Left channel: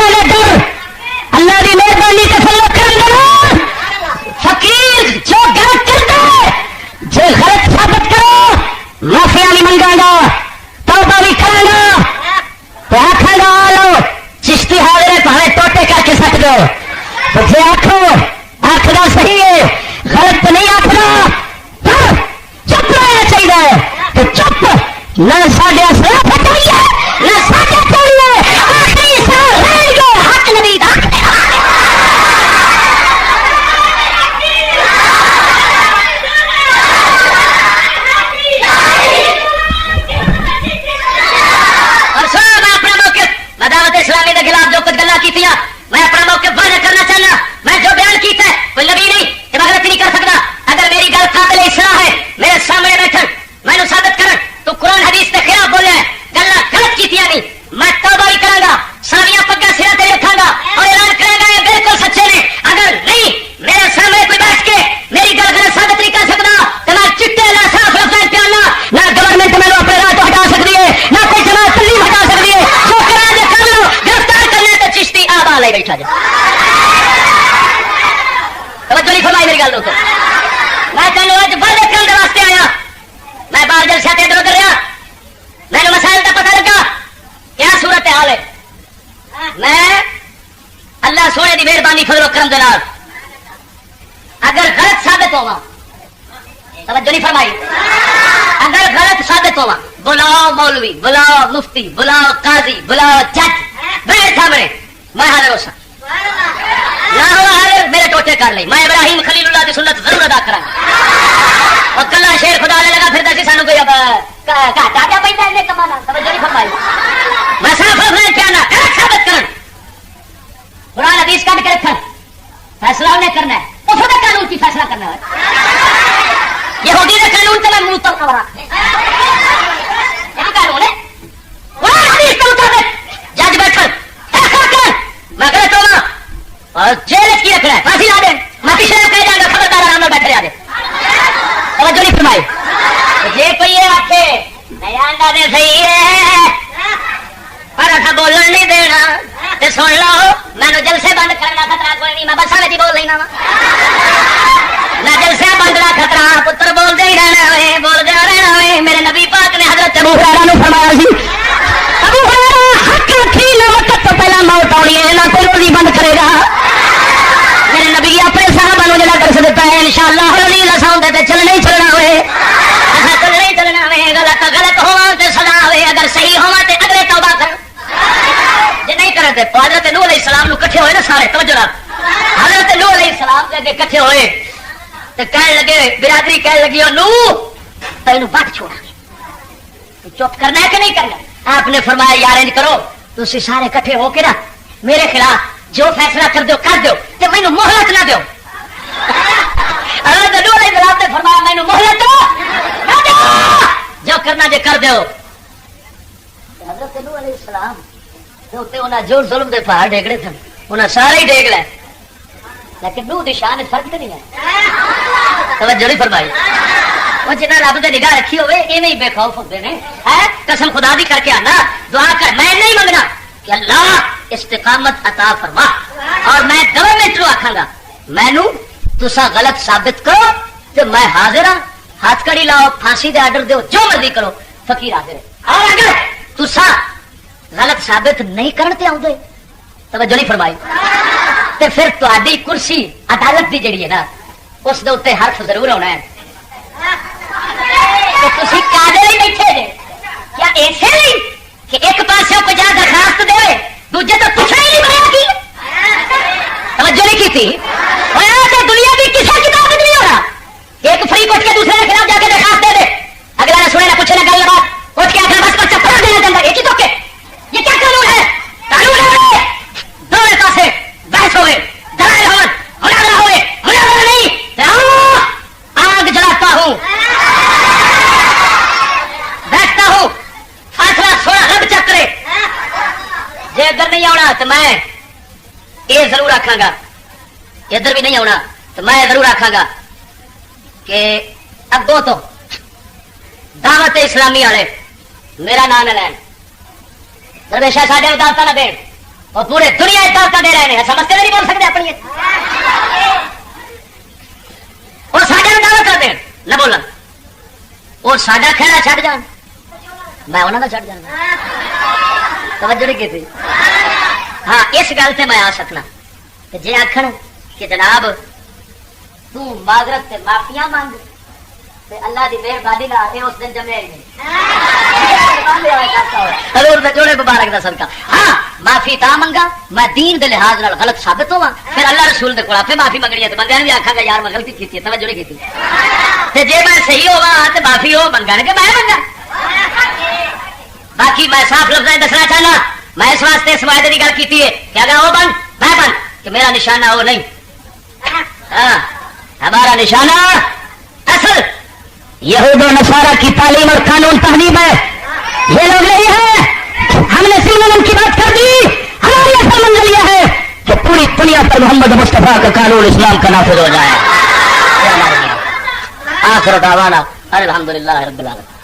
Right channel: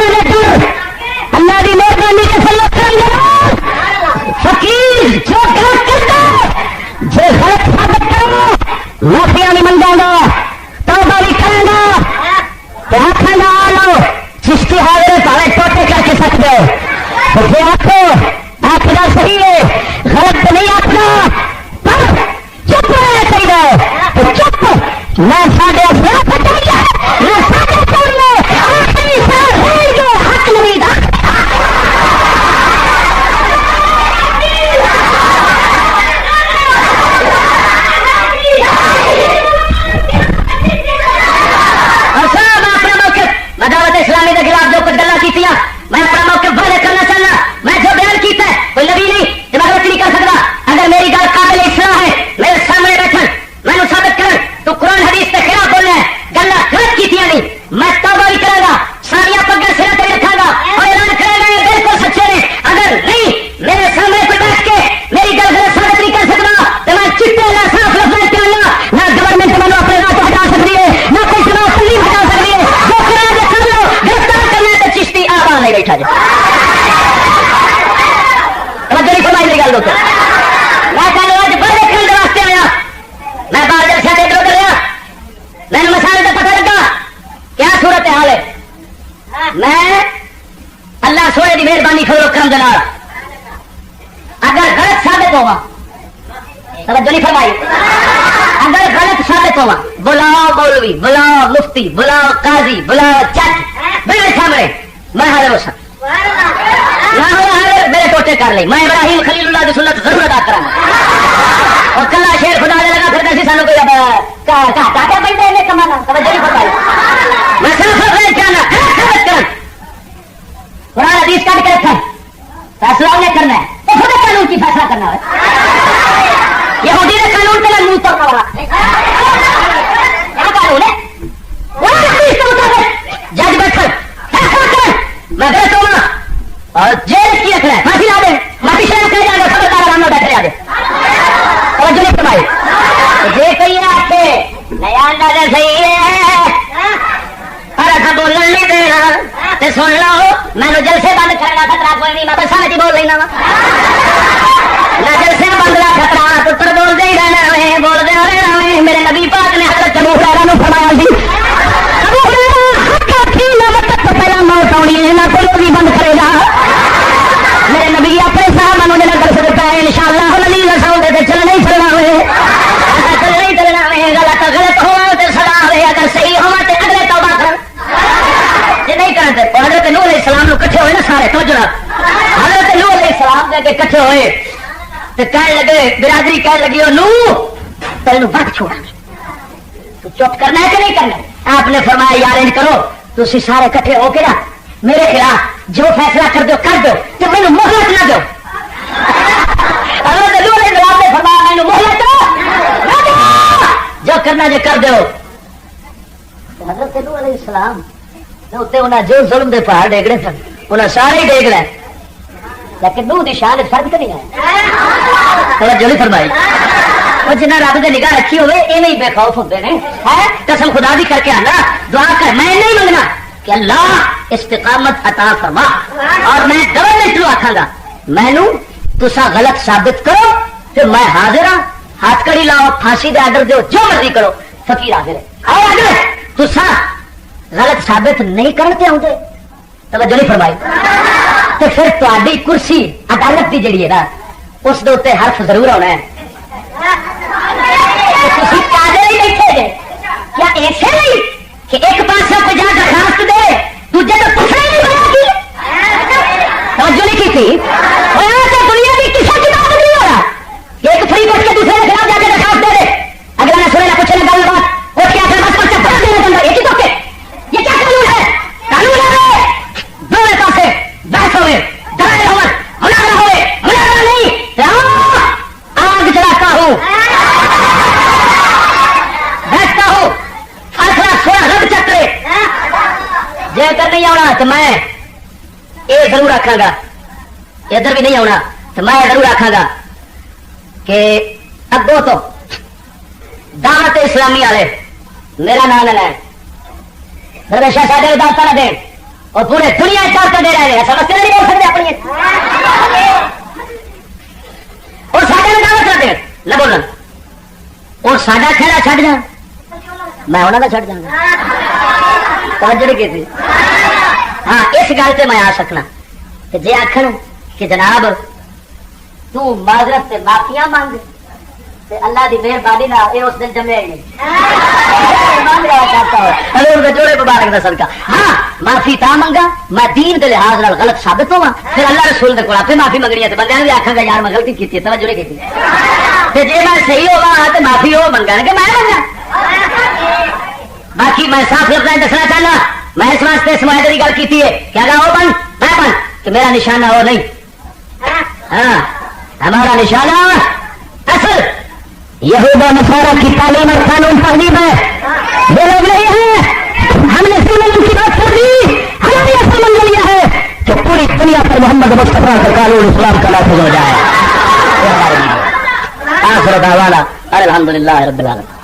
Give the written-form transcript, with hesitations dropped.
اللہ کی مہربانی کے سلوک کریں فقیر جو غلط کرتا ہے جو غلط ثابت کرو معافیا نہیں منگا گا توبہ نہیں کروں گا تو آخے گا آؤ چشتی حاضر پہلے ٹوٹے کر کے سکتے ہو تو جی آخو آخنا صحیح ہے غلط تو نہیں آخنا پر چپ رہنا چاہیے تو چپ نہ ساڈے سر پھٹنی ہے نہ ساڈے چلنے آخری سال رہیں گے حق نہیں رکھتے اسلامی کے خلاف جو کچھ گلا کی میں اپنا موقف واضح کرنا چاہنا میں جو بیان کیتا ہے کوئی نبی نہیں کہ میں غلط نہیں کر سکتا اگر میری گل قابل اصلاح ہے میرے سامنے بیٹھن میں ثابت کرن تو قرآن حدیث کے خلاف بولنا ہے گلا غلط کیتیاں نہیں میں توبہ بھی کروں گا ساریا پگا سر تے رکھا گا اور اعلان کرے گا یہ بالکل سچے نے اگر نہیں میرے سامنے کوئی بیٹھ کے میری گل غلط ثابت نہیں کر سکتا تو میں چٹے نہ صاف لفظ پہ نہ گورنمنٹ میں اپنے راہ ہٹا سکتی ہے نہ کوئی جماعت نہیں ہٹا سکتی ہے جو قرآن کر لو گرفتار کرنا ہے تو چشتی آبا نہیں بیٹھا جائے توجہ نہیں فرمائی میری گل دوستو میں تینوں اج بڑے کرنے واسطے آیا میں باہر جلسے تے ادھر رہا میں نے مسائل کا پتہ لگا کیا صورت حال ہے میں اللہ سونے کی مہربانی فضل و کرم دے نال اگر غلط ثابت ہوا توجہ نہیں فرمائی اگر غلط ثابت ہوا بلاؤ مولوی بلاؤ مفتی بلاؤ قاضی بلاؤ جج میرے سامنے میں حاضر ہو سکتا نہ ہوا حاضر میرے ٹوٹے کر لی میں ابراہیم خلیل اللہ کی سنت ضرور ادا کروں اور کلا شیر خدا نے لگا پھر سانو کوئی گاٹا کیا بنتا ہے کمانا توجہ نہیں فرمائی میں صرف کیا نہ ثابت کر قرآن حدیث کٹ کے رکھا ہے فیصلہ انہیں کرنا ہے تو خود قانون کی فیصلہ کرنا ہے یہودی نے قانون سے میں منہ توڑنا ہو رہا کیا قانون ہے قرآن حدیث کے مطابق جج بیٹھ کر فیصلہ کر میں غلط ہوگا اور جیل کی رکھنا ہے پھانسی لا دیں میں پیچھے نہ کہہ جاؤں گا خبردار آرام میں بیٹھے آگے توجہ نہیں فرمائی یہ کوئی ہے آپ کے نیا اندازے صحیح ہے پر اٹھا بولنا نہیں دینا سن لو میں نے جلسے بند کرنا خطرہ کوئی نہیں میں بس سارے بول لینا میں جلسے بند کا خطرہ پتر بول دے رہنا ہے بول دے رہنا ہے میرے نبی پاک نے حضرت ابو ہریرہ نے فرمایا سی ابو ہریرہ حق تھی وقت تو پہلا موت ہونی ہے نہ کوئی روزی بند کرے گا میرے نبی اپنے صحابہ نے جڑا کر سکتا ہے انشاءاللہ نہیں رسول دے چلنا ہی چلنا ہوئے ایسا تو نہیں چلنا ہوئے غلط ہوا تو سزا ہوئے اگر صحیح ہوا تو اگلے توبہ کر یہ نہیں کرتے حضرت نوح علیہ السلام نو کٹھے ہوئے نا سارے تو جڑا حضرت نوح علیہ السلام جا کے کٹھے ہوئے تو کہنے لگے برادری کہنے لگی او نوح تینوں وقت چھوڑا تو چپ کرنا ہے کہ نہیں کرنا آپ نے فرمایا یار ان کرو تسی سارے کٹھے ہو کے نا میرے خلاف جو فیصلہ کر دو کہ مینوں مہلت نہ دو حضرت نوح علیہ السلام نے فرمایا مینوں مہلت دو نہ دو جو کرنا جو کر دو حضرت نوح علیہ السلام انہیں جو ظلم دے پہاڑ ڈیگڑے سن انہیں سارے ہی ڈیگ لے لیکن نوح دی شان فرق نہیں ہے توجہ نہیں فرمائی وہ جنہ رب نے نگاہ رکھی ہوئے ایویں ہی بے خوف ہوتے ہیں قسم خدا دی کر کے آنا دعا کر میں نہیں منگنا کہ اللہ استقامت عطا فرما اور میں گورنمنٹ نو آکھاں گا مینوں تساں غلط ثابت کرو کہ میں حاضر ہاں ہاتھ کڑی لاؤ پھانسی دے آرڈر دیو جو مرضی کرو فقیر حاضر ہے اور اگر تساں غلط ثابت نہیں کرتے ہوں گے توجہ نہیں فرمائی تو پھر تہاڈی کرسی عدالت دی جڑی ہے نا اس دے اوتے حرف ضرور ہونا ہے تسی کاجے ہی بیٹھے جے کیا ایسے نہیں کہ ایک پاسے کو جا درخواست دے دوجے تو پوچھنا ہی نہیں بنا کی توجہ نہیں کی تھی تو دنیا کی کسی کی بات نہیں ہو رہا کہ ایک فری اٹھ کے دوسرے کے خلاف جا کے درخواست دے دے اگلا نہ سنے نہ پوچھے نہ گل بات اٹھ کے اپنے بس پر چپڑ دینے کے اندر ایک ہی تو کے یہ کیا قانون ہے قانون ہے دونوں پاسے بحث ہوئے دلائل ہوئے مناظرہ ہوئے مناظرہ نہیں آگ جلاتا ہوں بیٹھتا ہوں فیصلہ سونا رب چکرے جے اگر نہیں آنا تو میں یہ ضرور آکھاں گا ادھر بھی نہیں آنا تو میں ضرور آکھاں گا کہ اگوں تو دعوت اسلامی والے میرا نام نہ لیں درویشہ ساڈے اداسا نہ دیں اور پورے دنیا طاقت دے رہے ہیں سمجھتے نہیں بول سکتے اپنی اور ساڈے میں دعوت کرتے ہیں نہ بولنا اور ساڈا کھیلا چھڈ جان میں انہوں کا چھڈ جانا توجہ نہیں کی تھی ہاں اس گل سے میں آ سکنا کہ جی آخر کہ جناب تو معذرت سے معافیاں مانگ تے اللہ دی مہربانی نال اے اس دن جمے ہی نہیں حضور دے جوڑے مبارک دا صدقہ ہاں معافی تا منگا میں دین دے لحاظ نال غلط ثابت ہوا پھر اللہ رسول دے کول اپے معافی منگنی ہے تے بندے بھی آکھاں گا یار میں غلطی کیتی ہے توجہ نہیں کیتی تے جے میں صحیح ہوا تے معافی ہو منگن کہ میں منگا باقی میں صاف لفظ دسنا چاہنا میں اس واسطے اس معاہدے کی گل کی ہے کہ اگر وہ بن میں بن کہ میرا نشانہ وہ نہیں ہاں ہمارا نشانہ اصل یہود و نصارہ کی تعلیم اور قانون تہذیب ہے یہ لوگ نہیں ہیں ہمیں اسی علم کی بات کر دی ہماری اصل منزل یہ ہے کہ پوری دنیا پر محمد مصطفیٰ کا قانون اسلام کا نافذ ہو جائے آخر دعوانا الحمدللہ رب العالمین